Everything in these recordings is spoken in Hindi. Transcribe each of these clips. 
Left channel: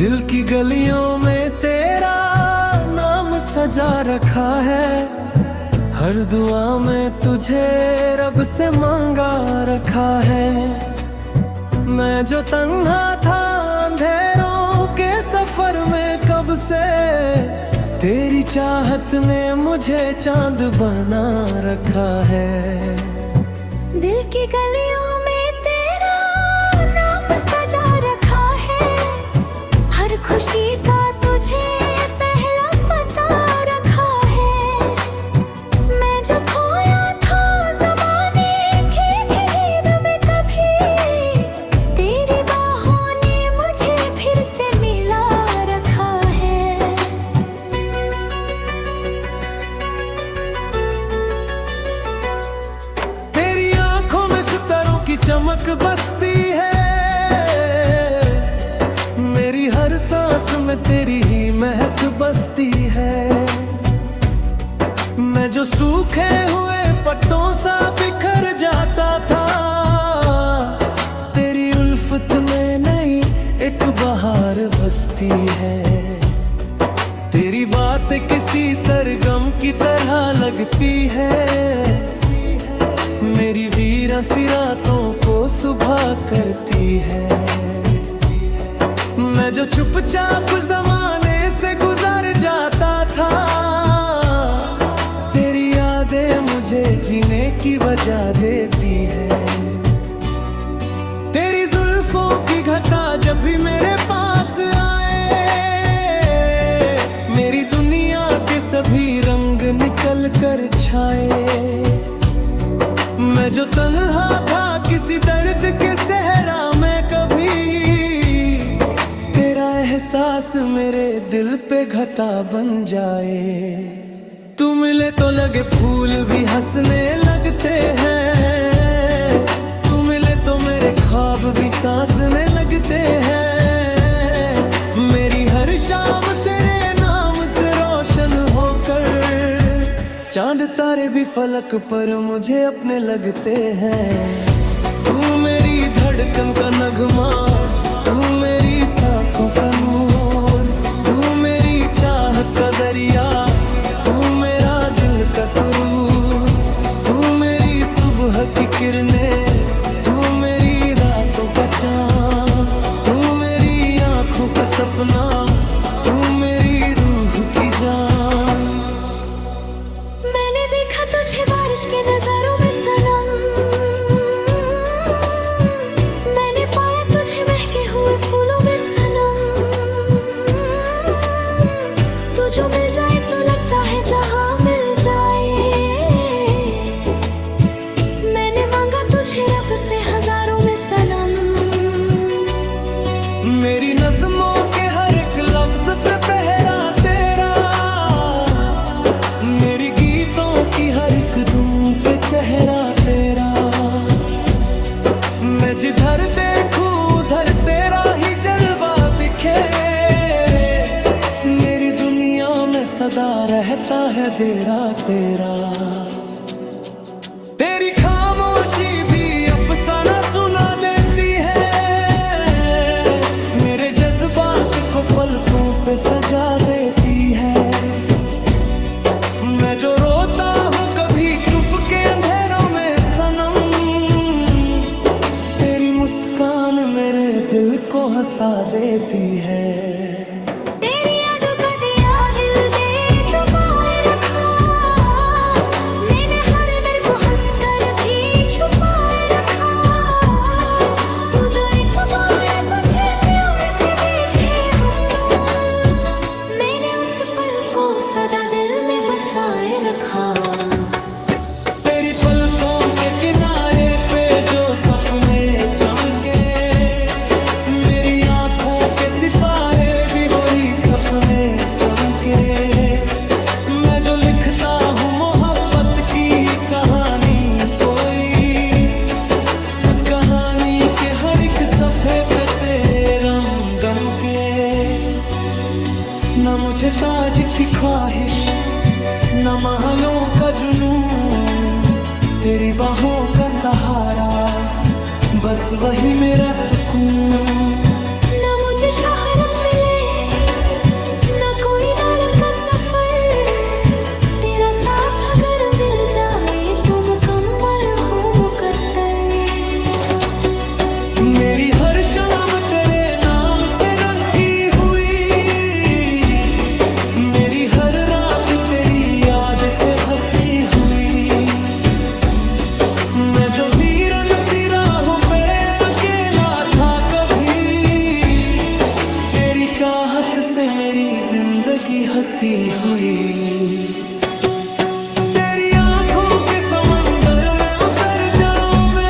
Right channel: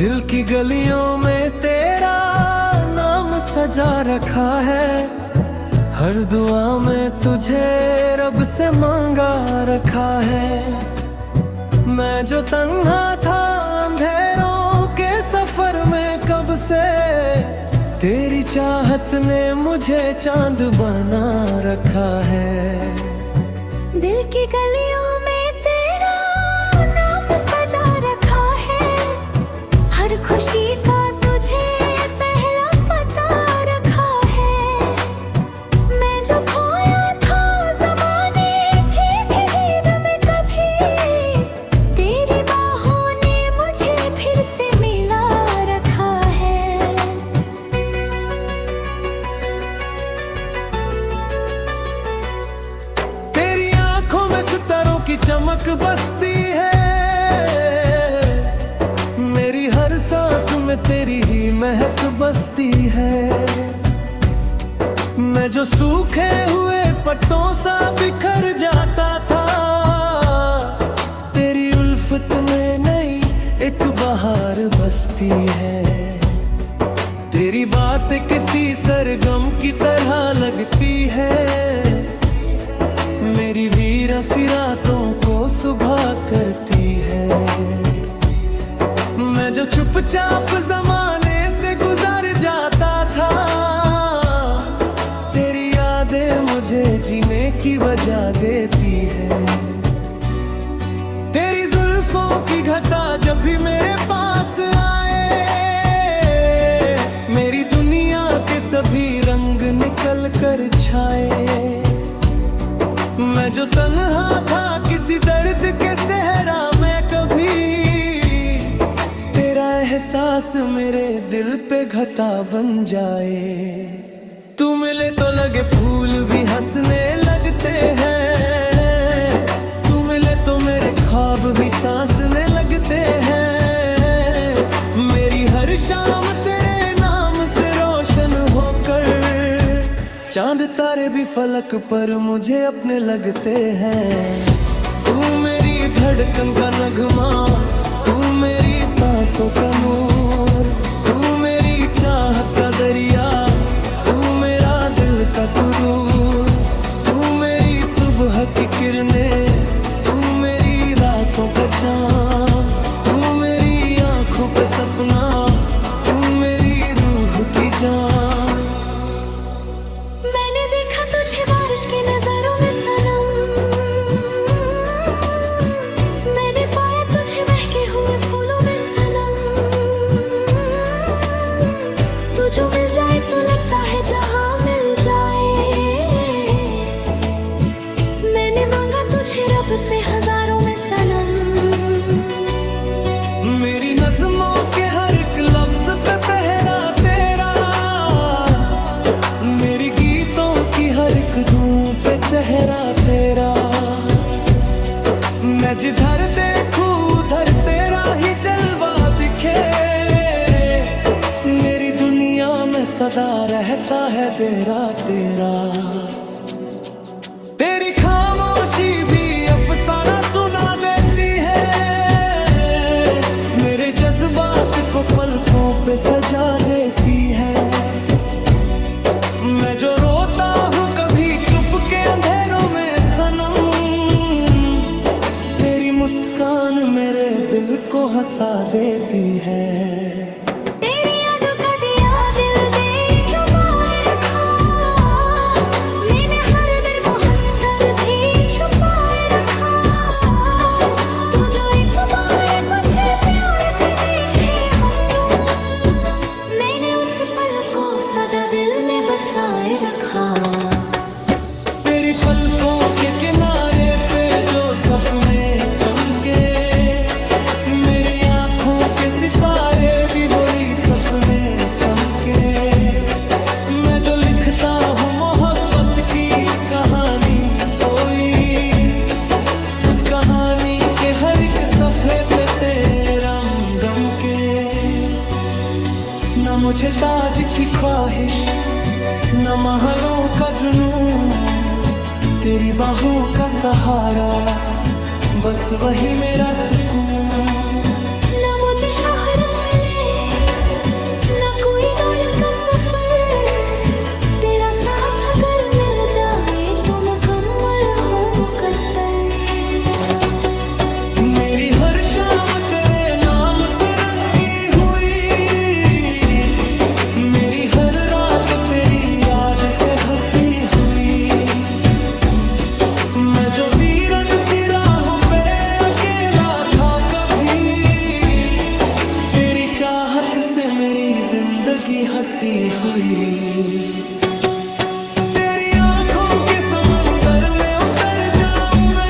दिल की गलियों में तेरा नाम सजा रखा है। हर दुआ में तुझे रब से मांगा रखा है। मैं जो तन्हा था अंधेरों के सफर में कब से, तेरी चाहत ने मुझे चांद बना रखा है। दिल की गलियों में तेरा नाम सजा रखा है। हर खुशी का तुझे पहला पता रखा है। मैं जो खोया था ज़माने की भीड़ में कभी, तेरी बाहों ने मुझे फिर से मिला रखा है। तेरी आंखों में सितारों की चमक बसती है। मेरी हर सांस में तेरी ही महक बसती है। मैं जो सूखे हुए पत्तों सा बिखर जाता था, तेरी उल्फत में नई एक बहार बसती है। तेरी बात किसी सरगम की तरह लगती है। मेरी वीरा सी रातों को सुबह करती है। मैं जो चुपचाप जमाने से गुजर जाता था, तेरी यादें मुझे जीने की वजह देती है। तेरी जुल्फों की घटा जब भी मेरे पास आए, मेरी दुनिया के सभी रंग निकल कर छाए। मैं जो तन्हा था किसी दर्द के सहरा में कभी, तेरा एहसास मेरे दिल पे घटा बन जाए। तू मिले तो लगे फूल भी हंसने लगते हैं। तू मिले तो मेरे ख्वाब भी सांसने लगते हैं। मेरी हर शाम तेरे नाम से रोशन होकर, चांद तारे भी फलक पर मुझे अपने लगते हैं। तू मेरी धड़कन का नगमा, तू मेरी सांसों का नूर, तू मेरी चाहत का दरिया, तू मेरा दिल का सुरूर। तू मेरी सुबह की किरणें, तू मेरी रातों का चाँद, तू मेरी आँखों का सपना, तू मेरी रूह की जान। मैंने देखा तुझे बारिश की नजारों में सनम, मैंने पाया तुझे महके हुए फूलों में सनम। तू जो मिल जाए तो लगता है जहां मिल जाए। मैंने मांगा तुझे रब से हजारों में सनम। मेरी नज़्मों के हर एक लफ्ज पे पहरा तेरा, मेरी गीतों की हर एक धूम पे चेहरा तेरा। मैं जिधर देखूं उधर तेरा ही जलवा दिखे। मेरी दुनिया में सदा रहता है तेरा तेरा। तेरी खामोशी भी अफसाना सुना देती है। मेरे जज्बात को पलकों पे सजा देती है। मैं जो रोता हूँ कभी चुप के अंधेरों में सनम, तेरी मुस्कान मेरे दिल को हंसा देती है। तेरी यादों का दिया दिल दे छुपाए रखा, मैंने हर दर को हंसकर भी छुपाए रखा। तू जो एक बार मुझे प्यार से देखे हमदम, मैंने उस पल को सदा दिल में बसाए रखा। तेरी पलकों के किनारे पे जो सपने चमके, मेरी आंखों के सितारे भी वही सपने चमके। मैं जो लिखता हूँ मोहब्बत की कहानी कोई, उस कहानी के हर एक सफ़े पे तेरा गम के। न मुझे ताज की ख्वाहिश, न महलों का जुनून, तेरी बाहों का सहारा, बस वही मेरा सुकून। न मुझे शोहरत मिले मेरी हर शाम तेरे नाम से रंगी हुई, मेरी हर रात तेरी याद से हंसी हुई। मैं जो वीरन सी राहों पे अकेला था कभी, तेरी चाहत से मेरी जिंदगी हंसी हुई। तेरी आंखों के समंदर में उतर जाऊं मैं,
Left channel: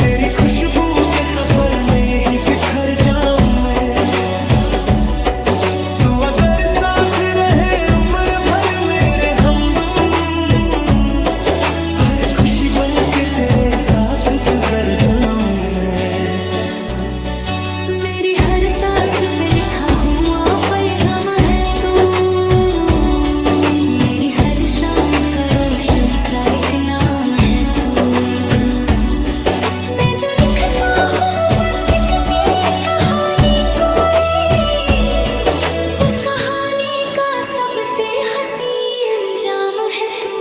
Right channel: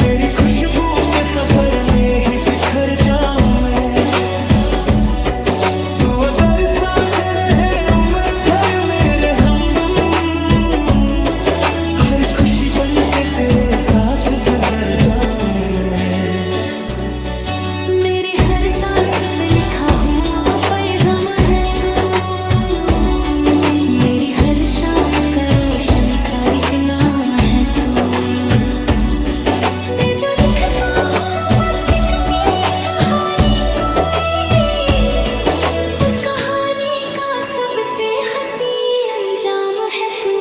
तेरी खुशबू के सफर में ही बिखर जाऊं मैं। तू अगर साथ रहे उम्र भर मेरे हमदम, हर खुशी बन के तेरे साथ गुजर जाऊं मैं। मेरी हर सांस पे लिखा हुआ पैगाम है तू, मेरी हर शाम का रोशन सा एक नाम है तू। मैं जो लिखता हूँ मोहब्बत की कहानी कोई, उस कहानी का सबसे हंसी अंजाम है तू।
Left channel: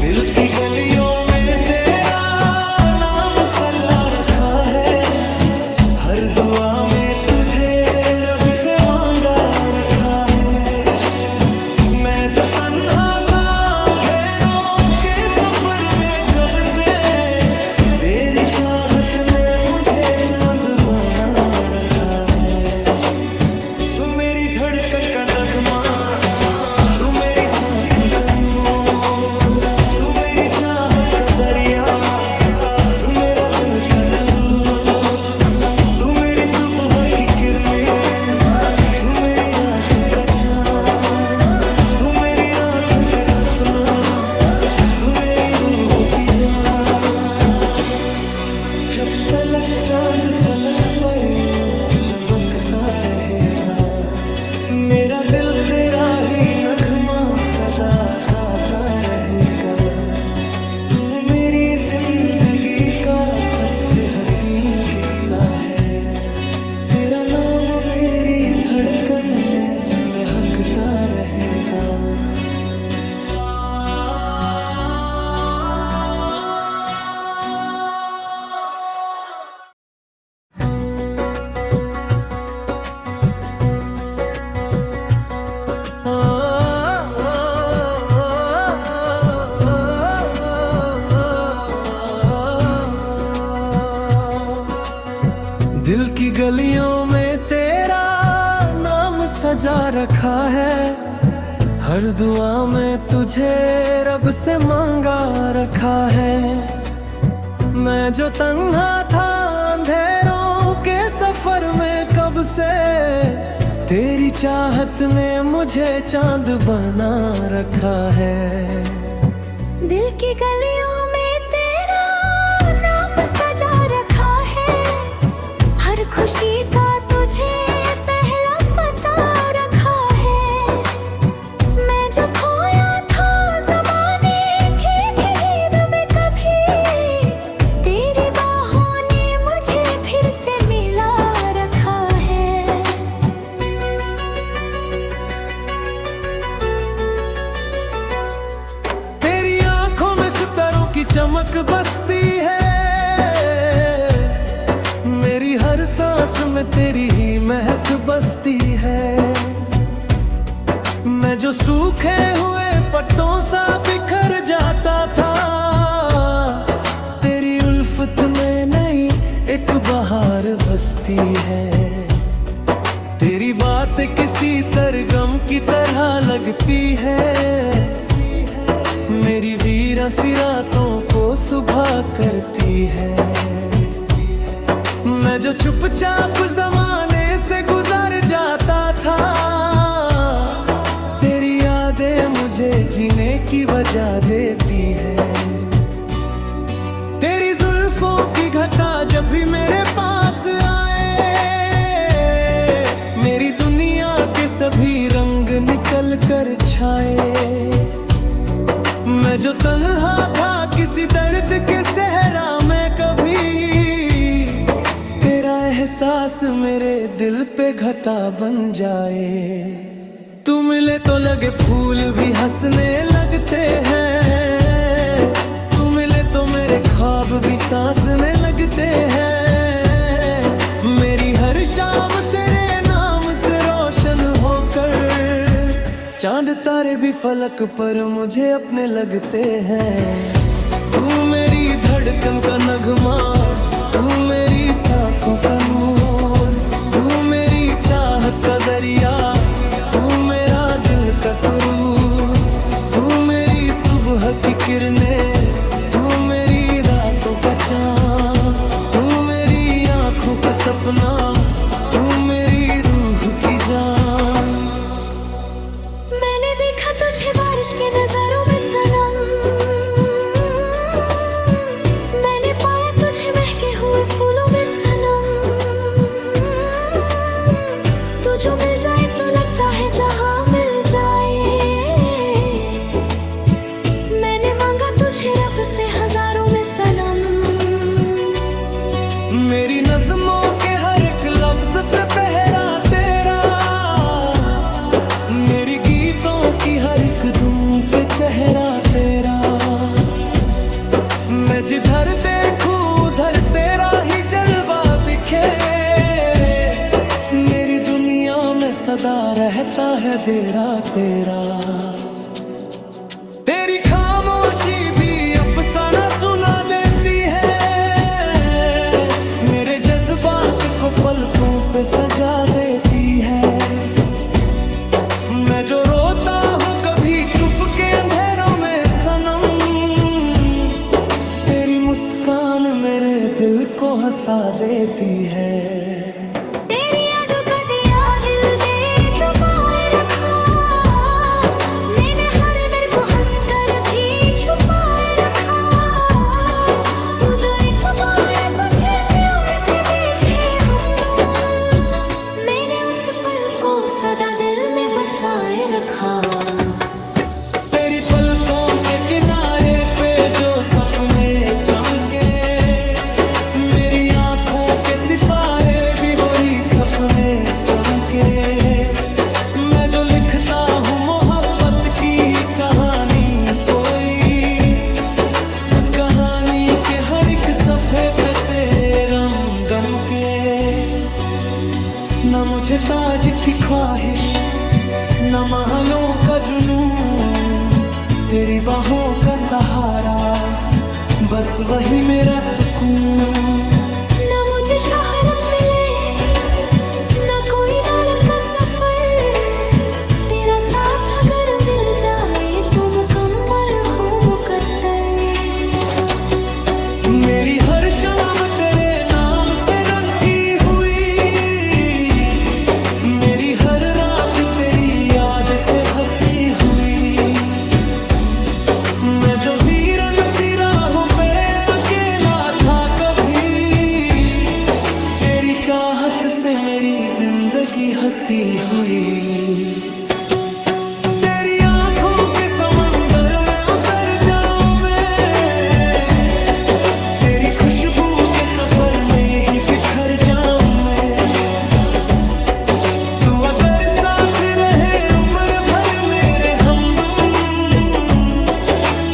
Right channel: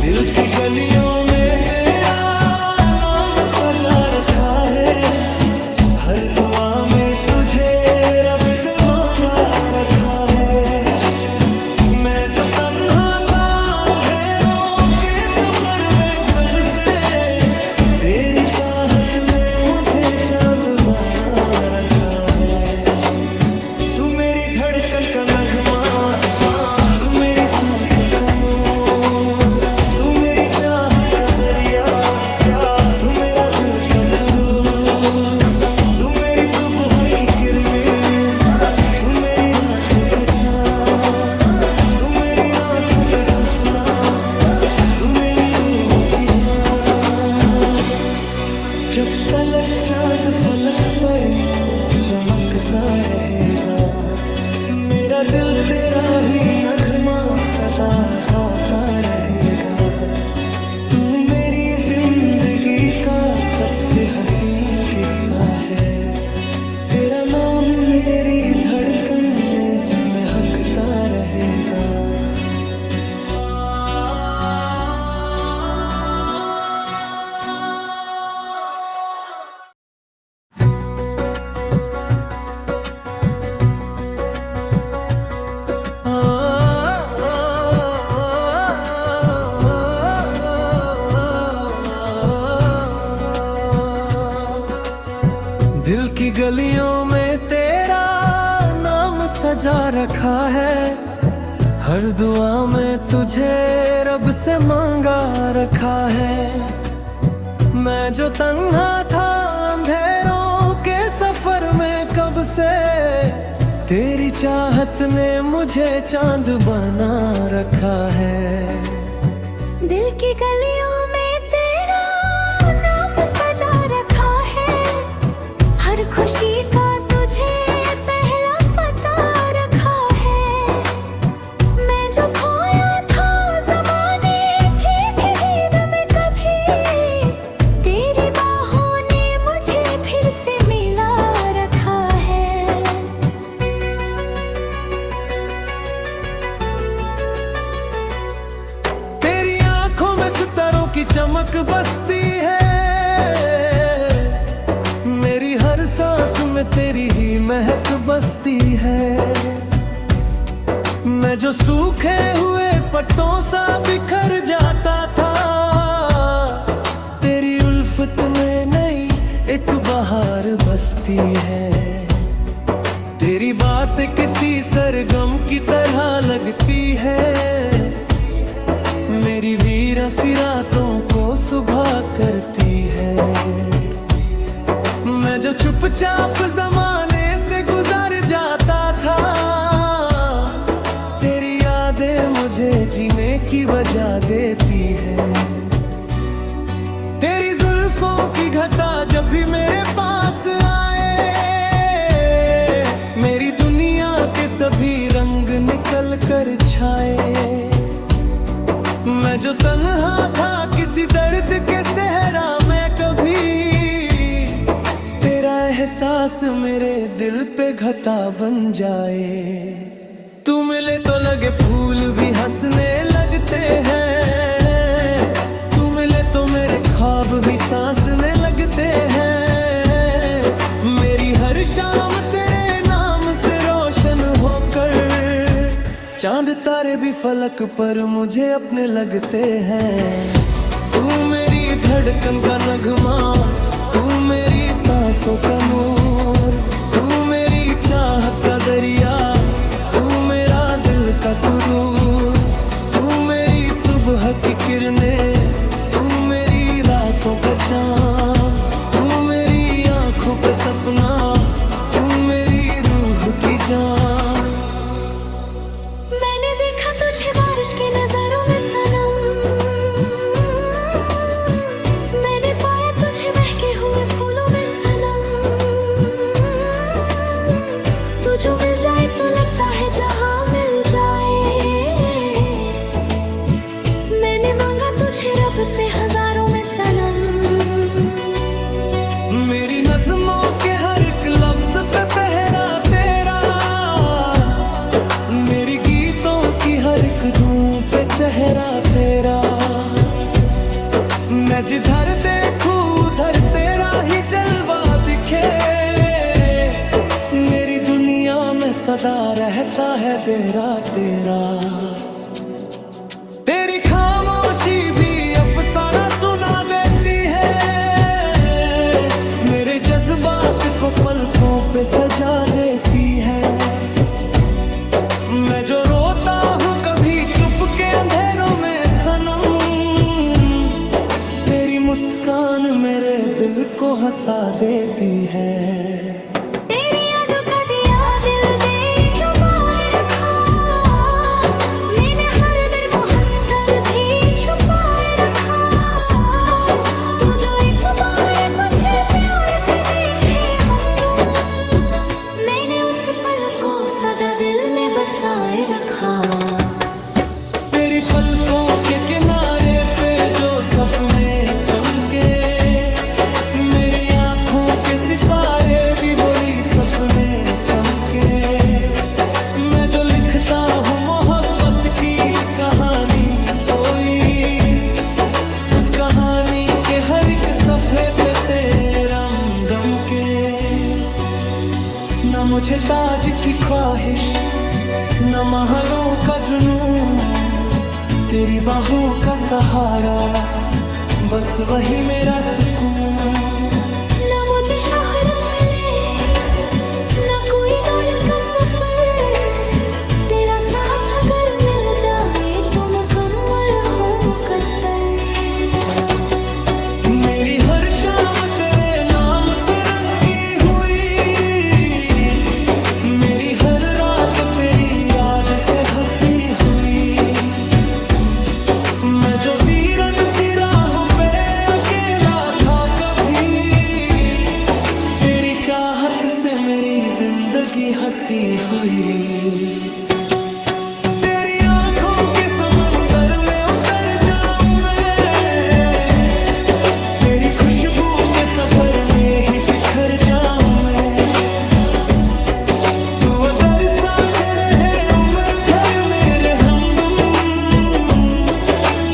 दिल की गलियों में तेरा नाम सजा रखा है, हर दुआ में तुझे रब से मांगा रखा है। मैं जो तन्हा था अंधेरों के सफर में कब से, तेरी चाहत ने मुझे चांद बना रखा है। तू मेरी धड़कन का नगमा, तू मेरी सांसों का नूर, तू मेरी चाहत का दरिया, तू मेरा दिल का सुरूर। तू मेरी सुबह की किरणें, तू मेरी रातों का चाँद, तू मेरी रातों का सपना, तू मेरी रूह की जान। जब तलक चांद फलक पर यूं चमकता रहेगा, मेरा दिल तेरा ही नगमा सदा गाता रहेगा। तू मेरी जिंदगी का सबसे हसीन किस्सा है, तेरा नाम मेरी धड़कन में महकता रहेगा। दिल की गलियों में तेरा नाम सजा रखा है, हर दुआ में तुझे रब से मांगा रखा है। मैं जो तन्हा था अंधेरों के सफर में कब से, तेरी चाहत ने मुझे चांद बना रखा है। दिल की गलियों में तेरा नाम सजा रखा है, हर खुशी का तुझे पहला पता रखा है। मैं जो खोया था ज़माने की भीड़ में कभी, तेरी बाहों ने मुझे फिर से मिला रखा है। तेरी आंखों में सितारों की चमक बसती है, मेरी हर सांस में तेरी ही महक बसती है। मैं जो सूखे हुए पत्तों सा बिखर जाता था, तेरी उल्फत में नई एक बहार बसती है। तेरी बात किसी सरगम की तरह लगती है, मेरी वीरा सी रातों को सुबह करती है। मैं जो चुपचाप जमाने से गुजर जाता था, तेरी यादें मुझे जीने की वजह देती है। तेरी जुल्फों की घटा जब भी मेरे पास आए, मेरी दुनिया के सभी रंग निकल कर छाए। मैं जो तन्हा था किसी दर्द के सहरा में कभी, तेरा एहसास मेरे दिल पे घटा बन जाए। तू मिले तो लगे फूल भी हंसने लगते हैं, तू मिले तो मेरे ख्वाब भी सांस में लगते हैं। मेरी हर शाम तेरे नाम से रोशन होकर चांद तारे भी फलक पर मुझे अपने लगते हैं। तू मेरी धड़कन का नगमा, तू मेरी सांसों का नूर, तू मेरी चाहत का दरिया, तू मेरा दिल का सुरूर, तू मेरी सुबह की किरणें, तू मेरी रातों का चाँद, तू मेरी आँखों का सपना, तू मेरी रूह की जान। मैंने देखा तुझे बारिश के नजारों में सनम, मैंने पाया तुझे महके हुए फूलों में सनम। तू जो मिल जाए तो लगता है जहां मिल जाए। मैंने मांगा तुझे रब से हजारों में सनम। मेरी नज़्मों के हर एक लफ्ज पे पहरा तेरा, मेरी गीतों की हर एक धूम पे चेहरा तेरा। मैं जिधर देखूं उधर तेरा ही जलवा दिखे। मेरी दुनिया में सदा रहता है तेरा तेरा। तेरी खामोशी भी अफसाना सुना देती है। मेरे जज्बात को पलकों पे सजा देती है। मैं जो रोता हूँ कभी चुप के अंधेरों में सनम, तेरी मुस्कान मेरे दिल को हंसा देती है। तेरी यादों का दिया दिल दे छुपाए रखा। मैंने हर दर को हंसकर भी छुपाए रखा। तू जो एक बार तुझे प्यार से देखे हमदम, मैंने उस पल को सदा दिल में बसाए रखा। तेरी पलकों के किनारे पे जो सपने चमके, मेरी आँखों के सितारे भी वही सपने चमके। मैं जो लिखता हूँ मोहब्बत की कहानी कोई, उस कहानी के हर एक सफ़े पे तेरा दम के। ना मुझे ताज की ख्वाहिश, न महलों का जुनून, तेरी बाहों का सहारा, बस वही मेरा सुकून। ना मुझे शोहरत मिले, ना कोई दौलत का सफर, तेरा साथ अगर मिल जाए तो मुकम्मल हो मुकद्दर। मेरी हर शाम तेरे नाम से रंगी हुई, मेरी हर रात तेरी याद से हंसी हुई। मैं जो वीरन सी राहों पे अकेला था कभी, तेरी चाहत से मेरी जिंदगी हंसी हुई। तेरी आंखों के समंदर में उतर जाऊं मैं, तेरी खुशबू के सफर में ही बिखर जाऊं मैं। तू अगर साथ रहे उम्र भर मेरे हमदम,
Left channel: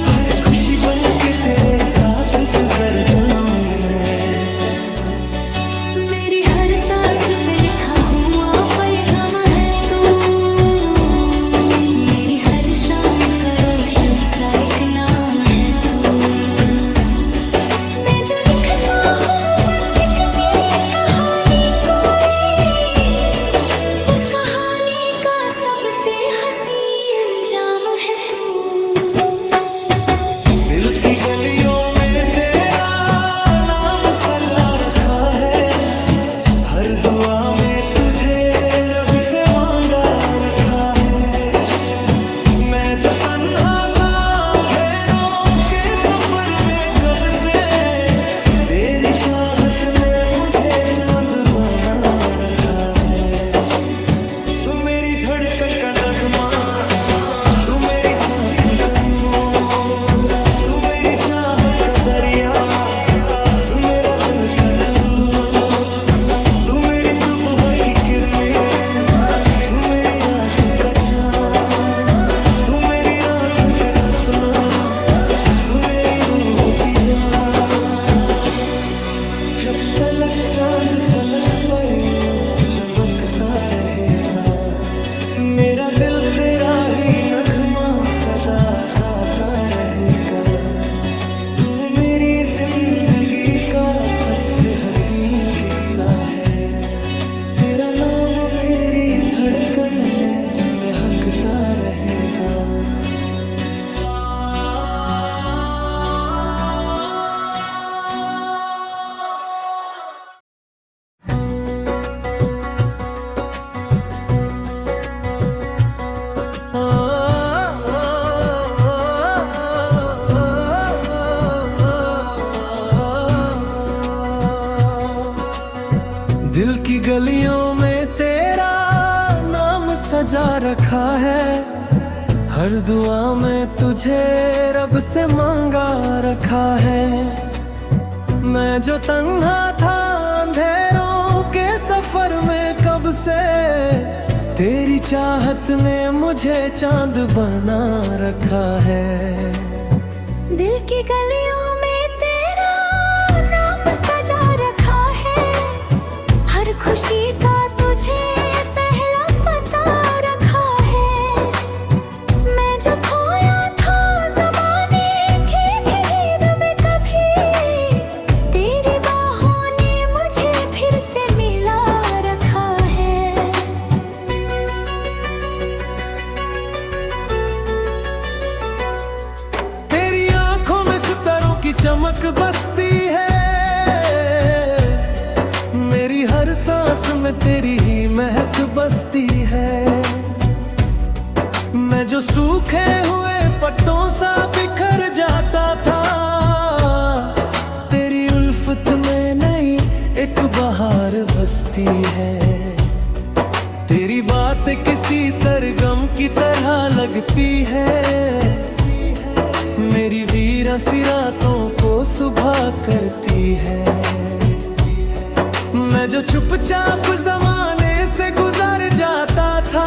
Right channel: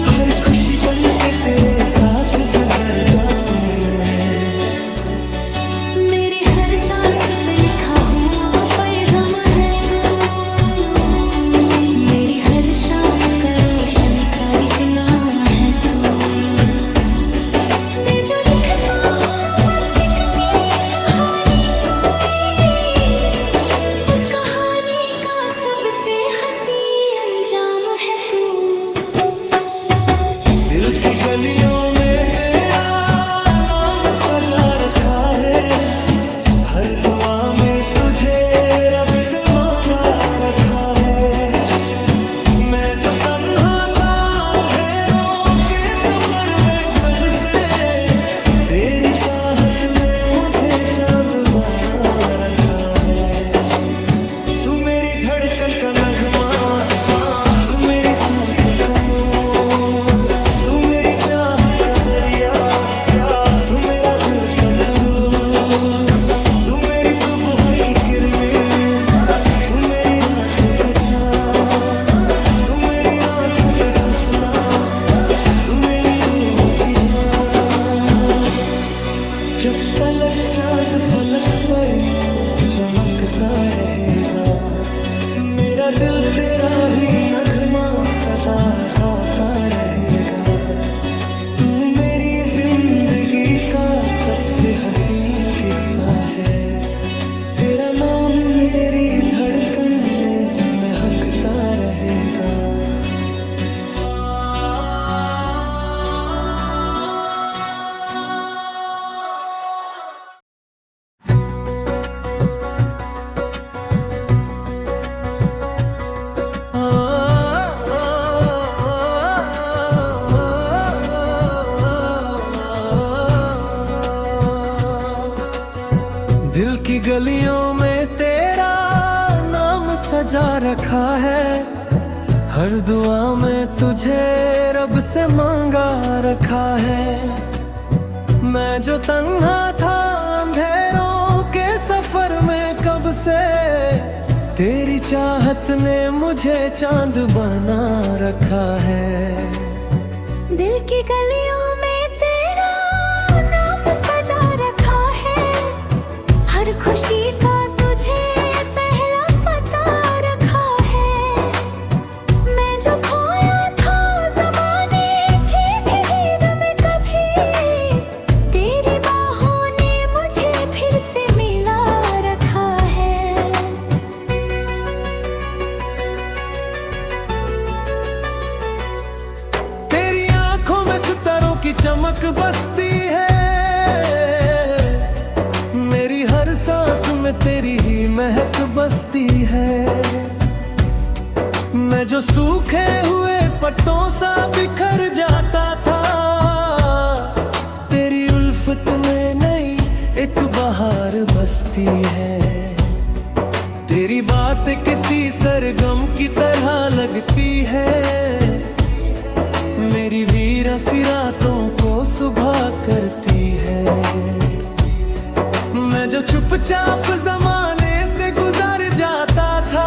हर खुशी बन के तेरे साथ गुजर जाऊं मैं। मेरी हर सांस पे लिखा हुआ पैगाम है तू, मेरी हर शाम का रोशन सा एक नाम है तू। मैं जो लिखता हूँ मोहब्बत की कहानी कोई, उस कहानी का सबसे हंसी अंजाम है तू। दिल की गलियों में तेरा नाम सजा रखा है, हर दुआ में तुझे रब से मांगा रखा है। मैं जो तन्हा था अंधेरों के सफर में कब से, तेरी चाहत ने मुझे चांद बना रखा है। तू मेरी धड़कन का नगमा, तू मेरी सांसों का नूर, तू मेरी चाहत का दरिया, तू मेरा दिल का सुरूर, तू मेरी सुबह की किरणें, तू मेरी रातों का चाँद, तू मेरी रातों का सपना, तू मेरी रूह की जान। जब तलक चांद फलक पर यूं चमकता रहेगा, मेरा दिल तेरा ही नगमा सदा गाता रहेगा। तू मेरी जिंदगी का सबसे हसीन किस्सा है, तेरा नाम मेरी धड़कन में महकता रहेगा। दिल की गलियों में तेरा नाम सजा रखा है, हर दुआ में तुझे रब से मांगा रखा है। मैं जो तन्हा था अंधेरों के सफर में कब से, तेरी चाहत ने मुझे चांद बना रखा है। दिल की गलियों में तेरा नाम सजा रखा है, हर खुशी का तुझे पहला पता रखा है। मैं जो खोया था ज़माने की भीड़ में कभी, तेरी बाहों ने मुझे फिर से मिला रखा है। तेरी आंखों में सितारों की चमक बसती है, मेरी हर सांस में तेरी ही महक बसती है। मैं जो सूखे हुए पत्तों सा बिखर जाता था, तेरी उल्फत में नई एक बहार बसती है। तेरी बात किसी सरगम की तरह लगती है, मेरी वीरा सी रातों को सुबह करती है। मैं जो चुपचाप जमाने से गुजर जाता था,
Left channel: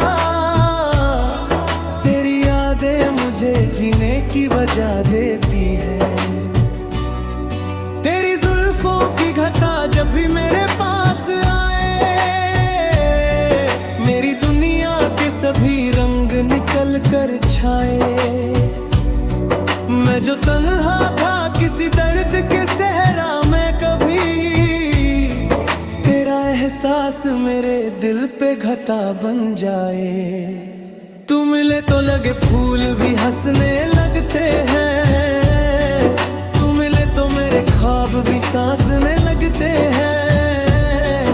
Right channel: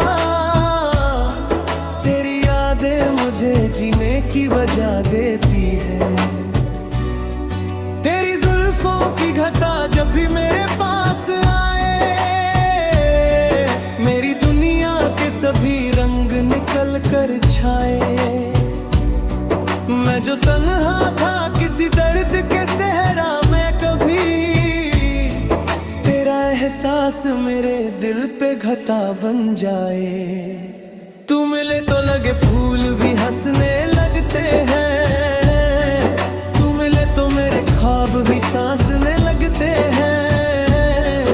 तेरी यादें मुझे जीने की वजह देती है। तेरी जुल्फों की घटा जब भी मेरे पास आए, मेरी दुनिया के सभी रंग निकल कर छाए। मैं जो तन्हा था किसी दर्द के सहरा में कभी, तेरा एहसास मेरे दिल पे घटा बन जाए। तू मिले तो लगे फूल भी हंसने लगते हैं, तू मिले तो मेरे ख्वाब भी सांसने लगते हैं।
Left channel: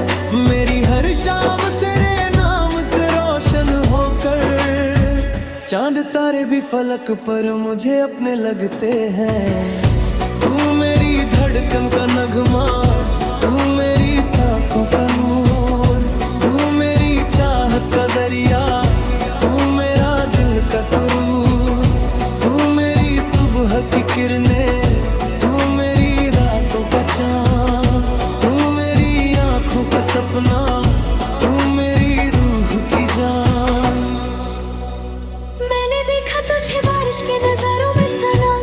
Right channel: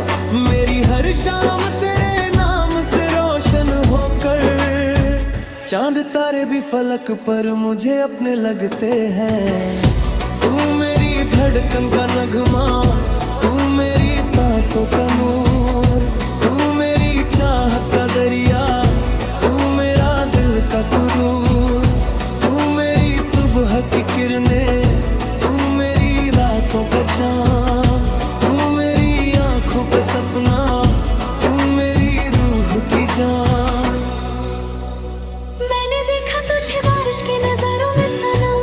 मेरी हर शाम तेरे नाम से रोशन होकर, चांद तारे भी फलक पर मुझे अपने लगते हैं। तू मेरी धड़कन का नगमा, तू मेरी सांसों का नूर, तू मेरी चाहत का दरिया, तू मेरा दिल का सुरूर। तू मेरी सुबह की किरणें, तू मेरी रातों का चाँद, तू मेरी आँखों का सपना, तू मेरी रूह की जान। मैंने देखा तुझे बारिश की नजारों में सनम,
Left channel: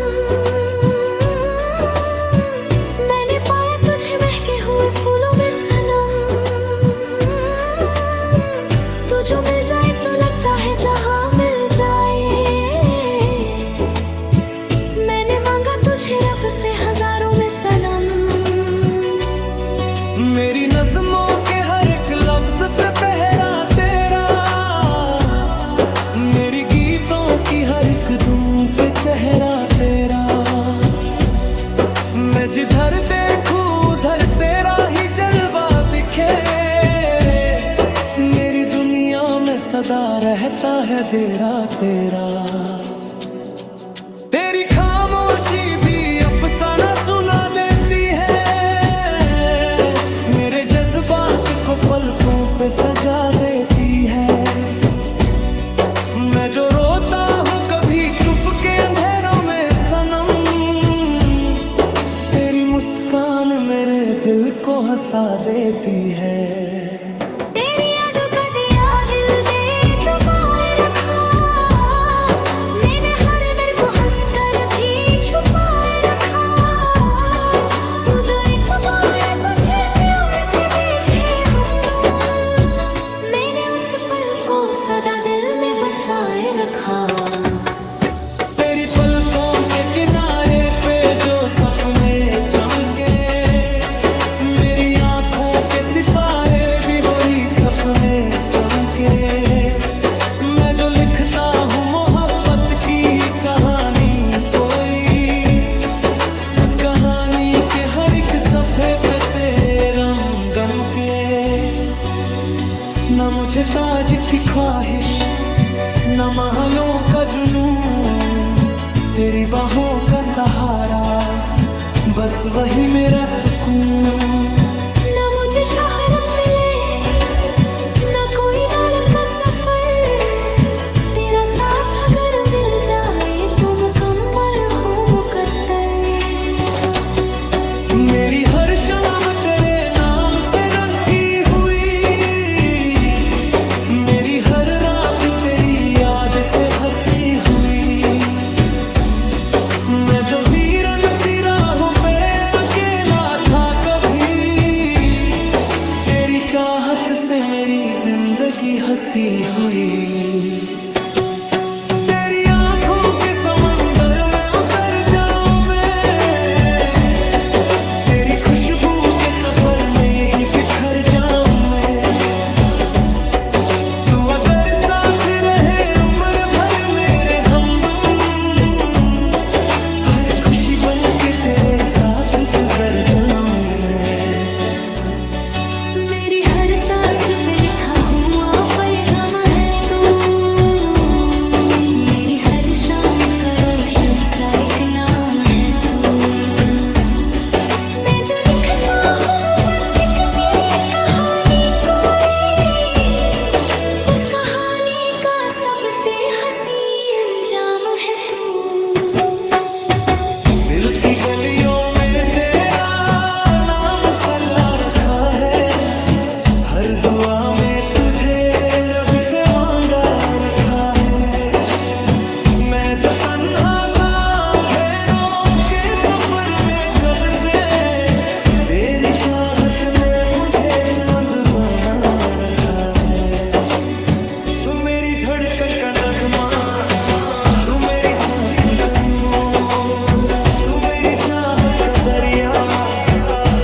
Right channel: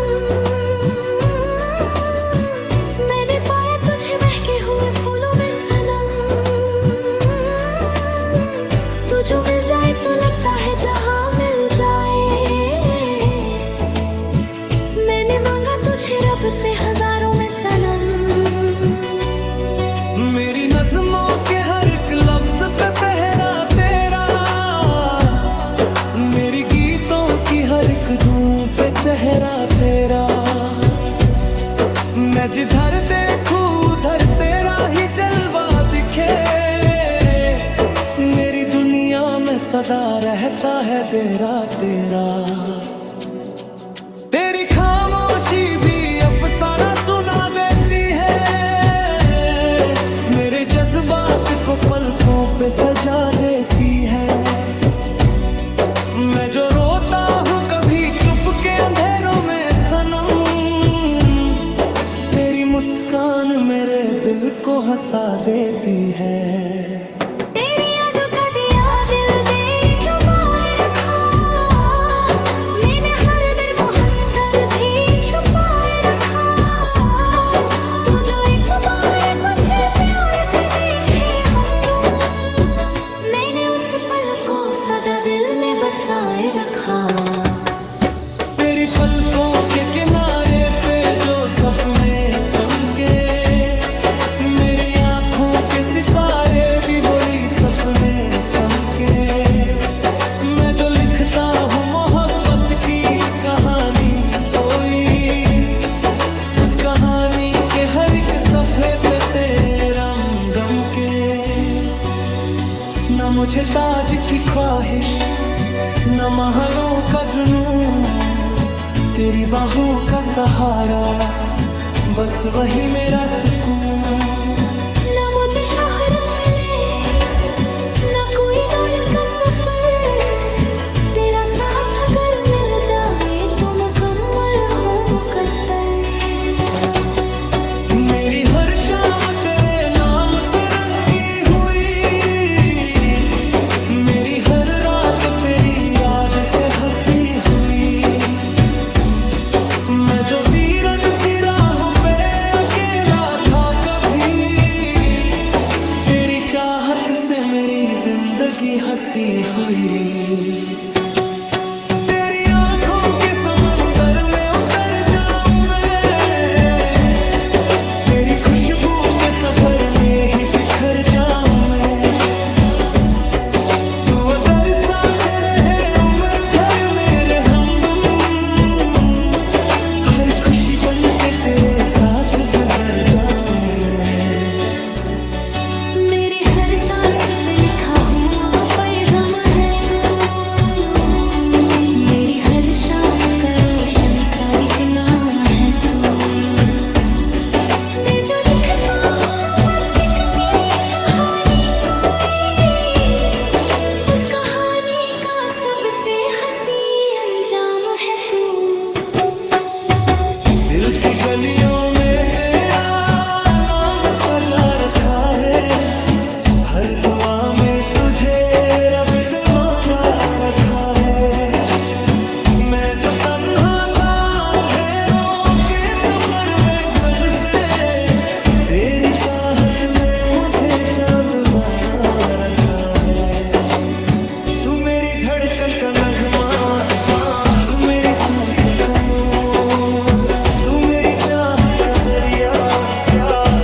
मैंने पाया तुझे महके हुए फूलों में सनम। तू जो मिल जाए तो लगता है जहां मिल जाए, मैंने मांगा तुझे रब से हजारों में सनम। मेरी नज़्मों के हर एक लफ्ज पे पहरा तेरा, मेरी गीतों की हर एक धूप पे चेहरा तेरा। मैं जिधर देखूं उधर तेरा ही जलवा दिखे, मेरी दुनिया में सदा रहता है तेरा तेरा। तेरी खामोशी भी अफसाना सुना देती है, मेरे जज्बात को पलकों पे सजा देती है। मैं जो रोता हूँ कभी चुप के अंधेरों में सनम, तेरी मुस्कान मेरे दिल को हंसा देती है। तेरी यादों का दिया दिल दे छुपाए रखा, मैंने हर दर को हंसकर भी छुपाए रखा। को सदा दिल में बसाए रखा। तेरी पलकों के किनारे पे जो सपने चमके, मेरी आंखों के सितारे भी वही सपने चमके। मैं जो लिखता हूँ मोहब्बत की कहानी कोई, उस कहानी के हर एक सफ़े पे तेरा गम के। न मुझे ताज की ख्वाहिश, न महलों का जुनून, तेरी बाहों का सहारा बस वही मेरा सुकून। न मुझे शोहरत मिले, न कोई दौलत का सफर, तेरा साथ अगर मिल जाए तो मुकम्मल हो मुकद्दर। मेरी हर शाम तेरे नाम से रंगी हुई, मेरी हर रात तेरी याद से हंसी हुई। मैं जो वीरन सी राहों पे अकेला था कभी, तेरी चाहत से मेरी जिंदगी हंसी हुई। तेरी आंखों के समंदर में उतर जाऊं मैं, तेरी खुशबू के सफर में ही बिखर जाऊं मैं। तू अगर साथ रहे उम्र भर मेरे हमदम, हर खुशी बन के तेरे साथ गुजर जाऊं मैं। मेरी हर सांस पे लिखा हुआ पैगाम है तू, मेरी हर शाम का रोशन सा एक नाम है तू। मैं जो लिखता हूँ मोहब्बत की कहानी कोई, उस कहानी का सबसे हंसी अंजाम है तू। दिल की गलियों में तेरा नाम सजा रखा है, हर दुआ में तुझे रब से मांगा रखा है। मैं जो तन्हा था अंधेरों के सफर में कब से, तेरी चाहत ने मुझे चांद बना रखा है। तू मेरी धड़कन का नगमा, तू मेरी सांसों का नूर, तू मेरी चाहत का दरिया,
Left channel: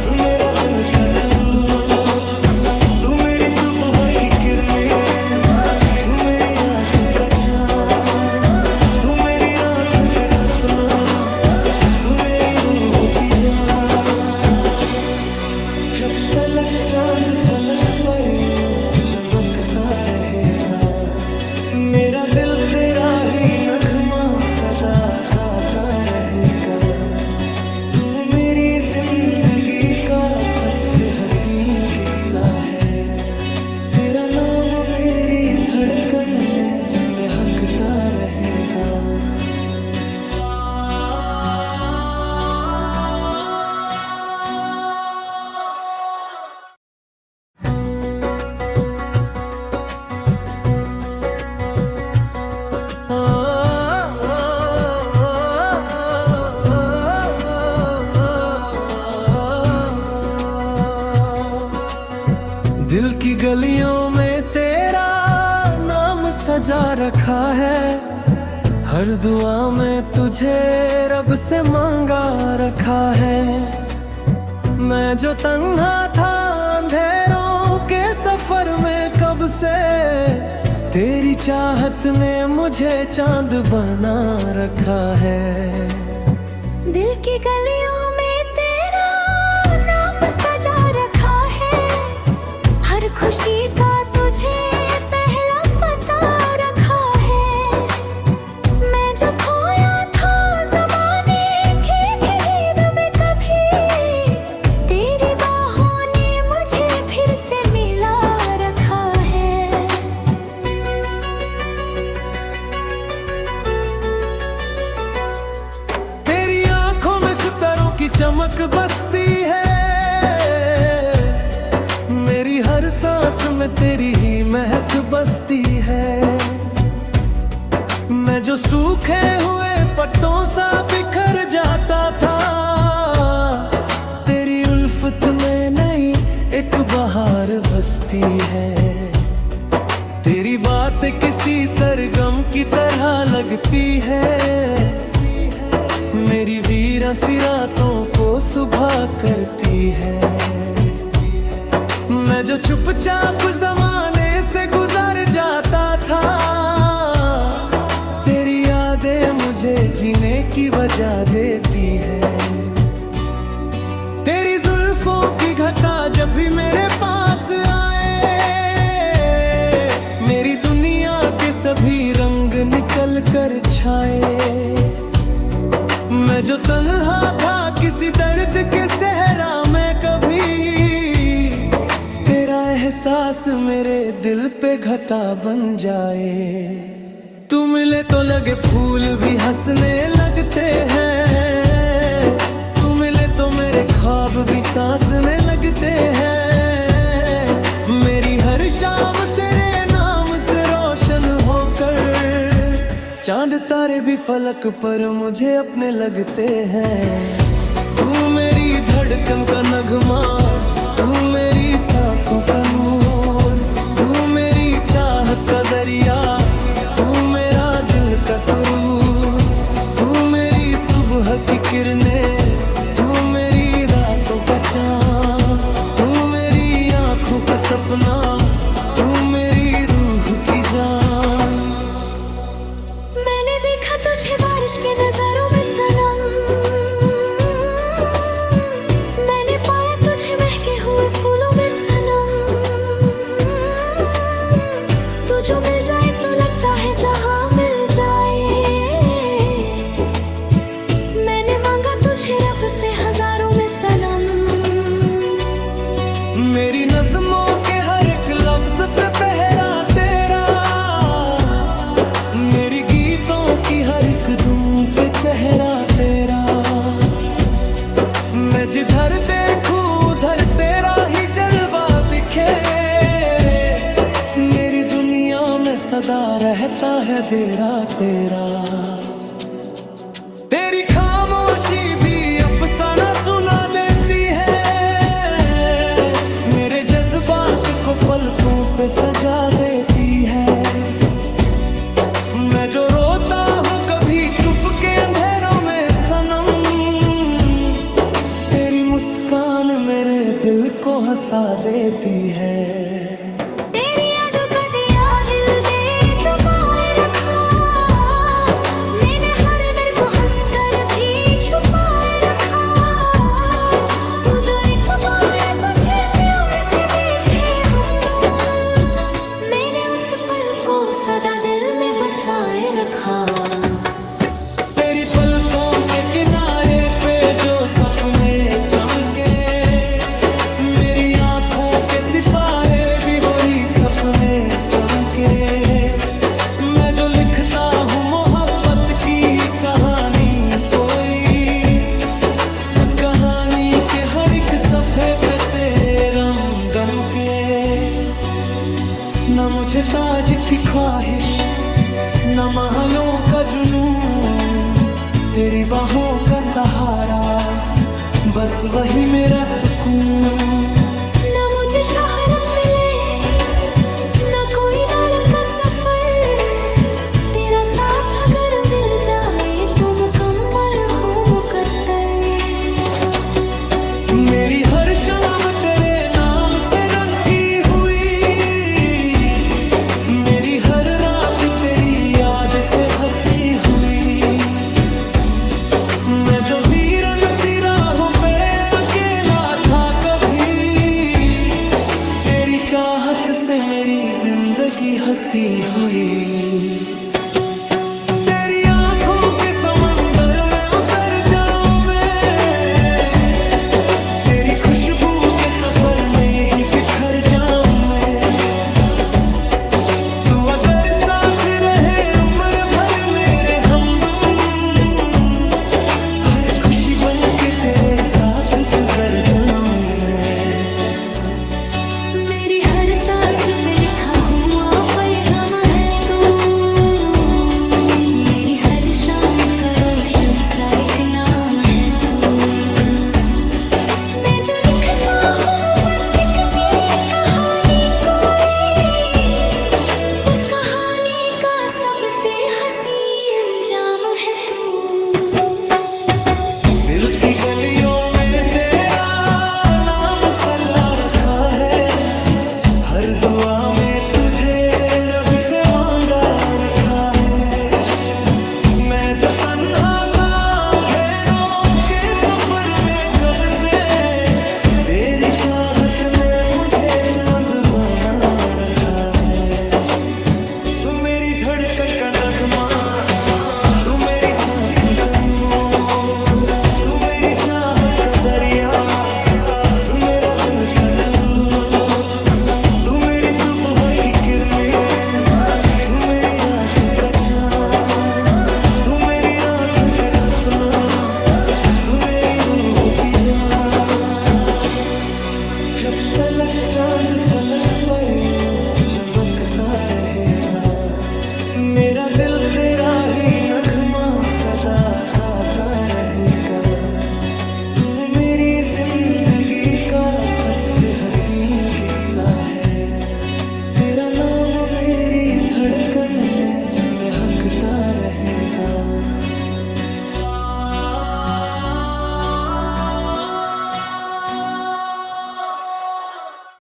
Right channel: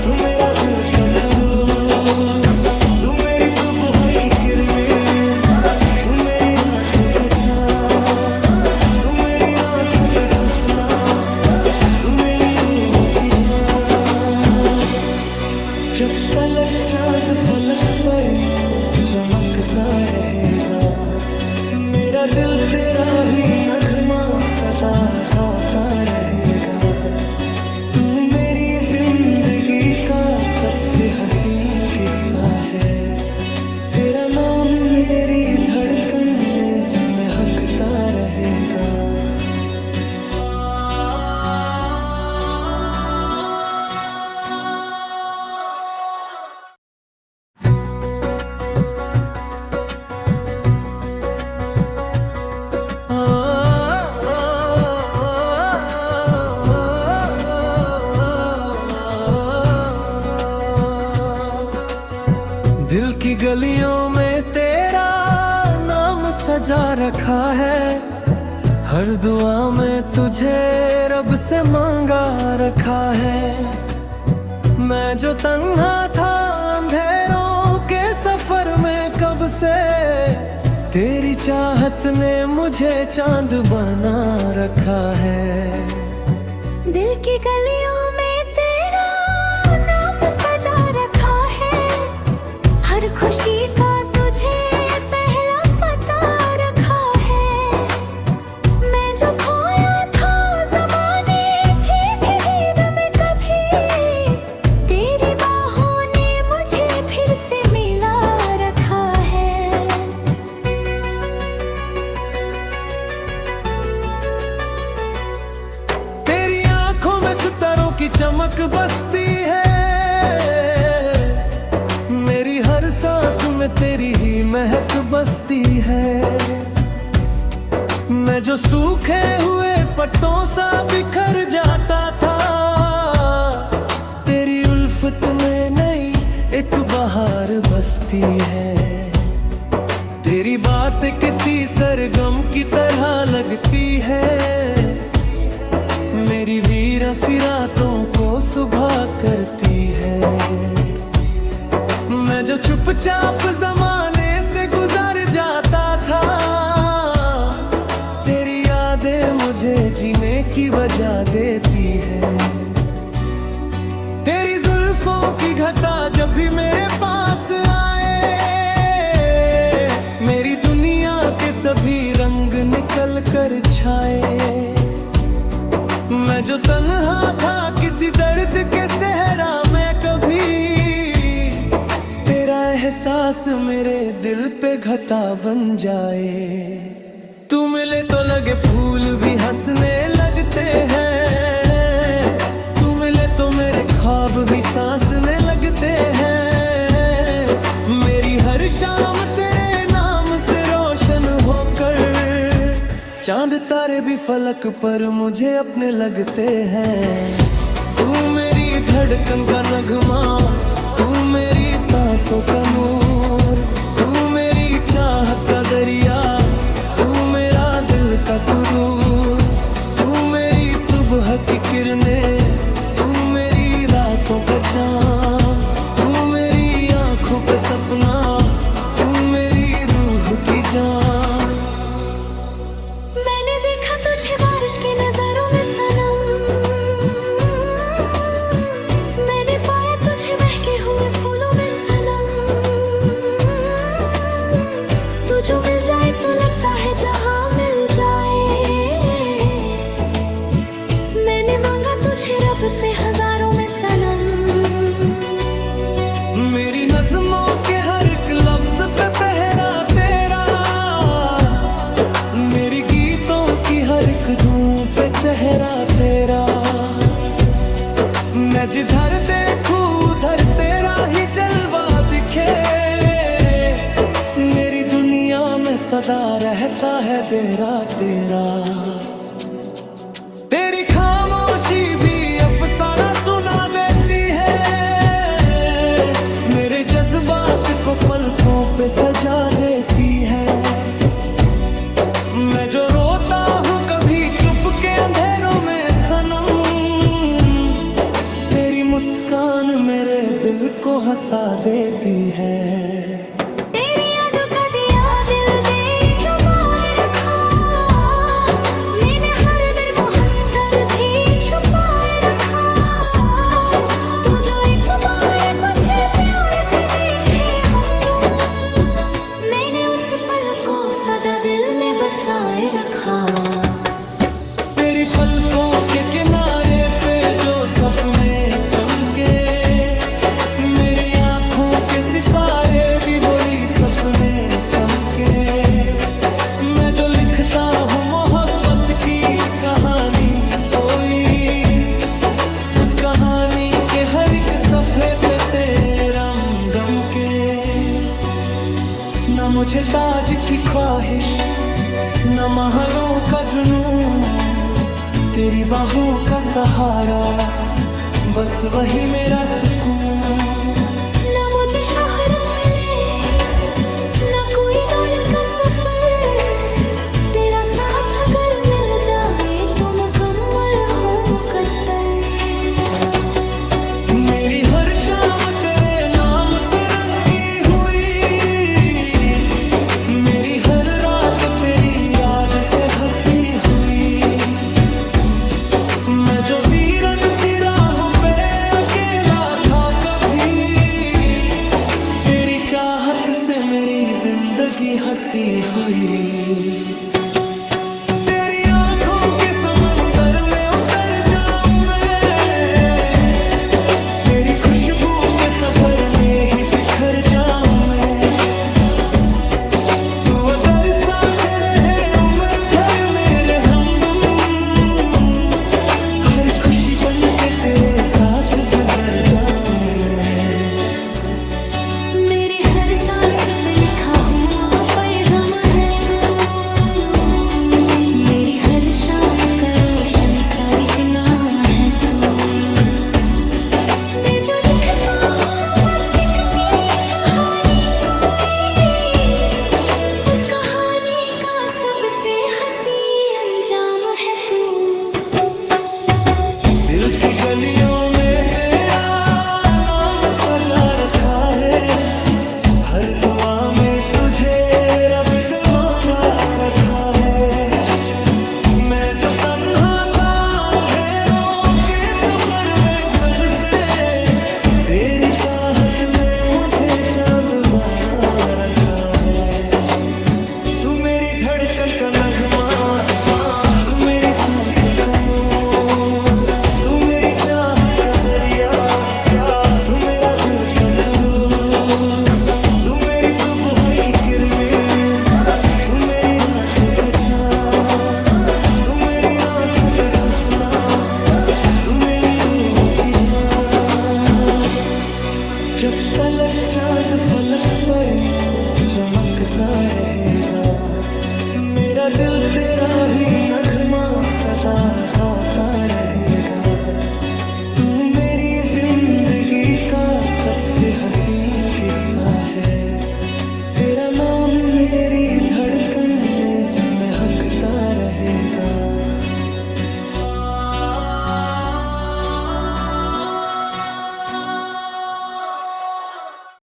तू मेरा दिल का सुरूर। तू मेरी सुबह की किरणें, तू मेरी रातों का चाँद, तू मेरी रातों का सपना, तू मेरी रूह की जान। जब तलक चांद फलक पर यूं चमकता रहेगा, मेरा दिल तेरा ही नगमा सदा गाता रहेगा। तू मेरी जिंदगी का सबसे हसीन किस्सा है, तेरा नाम मेरी धड़कन में महकता रहेगा। दिल की गलियों में तेरा नाम सजा रखा है, हर दुआ में तुझे रब से मांगा रखा है। मैं जो तन्हा था अंधेरों के सफर में कब से, तेरी चाहत ने मुझे चांद बना रखा है। दिल की गलियों में तेरा नाम सजा रखा है, हर खुशी का तुझे पहला पता रखा है। मैं जो खोया था ज़माने की भीड़ में कभी, तेरी बाहों ने मुझे फिर से मिला रखा है। तेरी आंखों में सितारों की चमक बसती है, मेरी हर सांस में तेरी ही महक बसती है। मैं जो सूखे हुए पत्तों सा बिखर जाता था, तेरी उल्फत में नई एक बहार बसती है। तेरी बात किसी सरगम की तरह लगती है, मेरी वीरा सी रातों को सुबह करती है। मैं जो चुपचाप जमाने से गुजर जाता था, तेरी यादें मुझे जीने की वजह देती है। तेरी जुल्फों की घटा जब भी मेरे पास आए, मेरी दुनिया के सभी रंग निकल कर छाए। मैं जो तन्हा था किसी दर्द के सहरा में कभी, तेरा एहसास मेरे दिल पे घटा बन जाए। तू मिले तो लगे फूल भी हंसने लगते हैं, तू मिले तो मेरे ख्वाब भी सांसने लगते हैं। मेरी हर शाम तेरे नाम से रोशन होकर, चांद तारे भी फलक पर मुझे अपने लगते हैं। तू मेरी धड़कन का नगमा, तू मेरी सांसों का नूर, तू मेरी चाहत का दरिया, तू मेरा दिल का सुरूर। तू मेरी सुबह की किरणें, तू मेरी रातों का चाँद, तू मेरी आँखों का सपना, तू मेरी रूह की जान। मैंने देखा तुझे बारिश के नजारों में सनम, मैंने पाया तुझे महके हुए फूलों में सनम। तू जो मिल जाए तो लगता है जहां मिल जाए। मैंने मांगा तुझे रब से हजारों में सनम। मेरी नज़्मों के हर एक लफ्ज पे पहरा तेरा, मेरी गीतों की हर एक धूम पे चेहरा तेरा। मैं जिधर देखूं उधर तेरा ही जलवा दिखे, मेरी दुनिया में सदा रहता है तेरा तेरा। तेरी खामोशी भी अफसाना सुना देती है, मेरे जज्बात को पलकों पे सजा देती है। मैं जो रोता हूँ कभी चुप के अंधेरों में सनम, तेरी मुस्कान मेरे दिल को हंसा देती है। तेरी यादों का दिया दिल दे छुपाए रखा, मैंने हर दर को हंसकर भी छुपाए रखा। तू जो एक बार मुझे प्यार से देखे हमदम, मैंने उस पल को सदा दिल में बसाए रखा। तेरी पलकों के किनारे पे जो सपने चमके, मेरी आँखों के सितारे भी वही सपने चमके। मैं जो लिखता हूँ मोहब्बत की कहानी कोई, उस कहानी के हर एक सफ़े पे तेरम गम के। न मुझे ताज की ख्वाहिश, न महलों का जुनून, तेरी बाहों का सहारा बस वही मेरा सुकून। न मुझे शोहरत मिले न कोई दौलत का सफर, तेरा साथ अगर मिल जाए तो मुकम्मल हो मुकद्दर। मेरी हर शाम तेरे नाम से रंगी हुई, मेरी हर रात तेरी याद से हंसी हुई। मैं जो वीरन सी राहों पे अकेला था कभी, तेरी चाहत से मेरी जिंदगी हंसी हुई। तेरी आंखों के समंदर में उतर जाऊं मैं, तेरी खुशबू के सफर में ही बिखर जाऊं मैं। तू अगर साथ रहे उम्र भर मेरे हमदम, हर खुशी बन के तेरे साथ गुजर जाऊं मैं। मेरी हर सांस पे लिखा हुआ पैगाम है तू, मेरी हर शाम का रोशन सा एक नाम है तू। मैं जो लिखता हूँ मोहब्बत की कहानी कोई, हर दुआ में तुझे रब से मांगा रखा है। मैं जो तन्हा था अंधेरों के सफर में कब से, तेरी चाहत ने मुझे चांद बना रखा है। तू मेरी धड़कन का नगमा, तू मेरी सांसों का नूर, तू मेरी चाहत का दरिया, तू मेरा दिल का सुरूर, तू मेरी सुबह की किरणें, तू मेरी रातों का चाँद, तू मेरी रातों का सपना, तू मेरी रूह की जान। जब तलक चांद फलक पर यूं चमकता रहेगा, मेरा दिल तेरा ही नगमा सदा गाता रहेगा। तू मेरी जिंदगी का सबसे हसीन किस्सा है, तेरा नाम मेरी धड़कन में महकता रहेगा।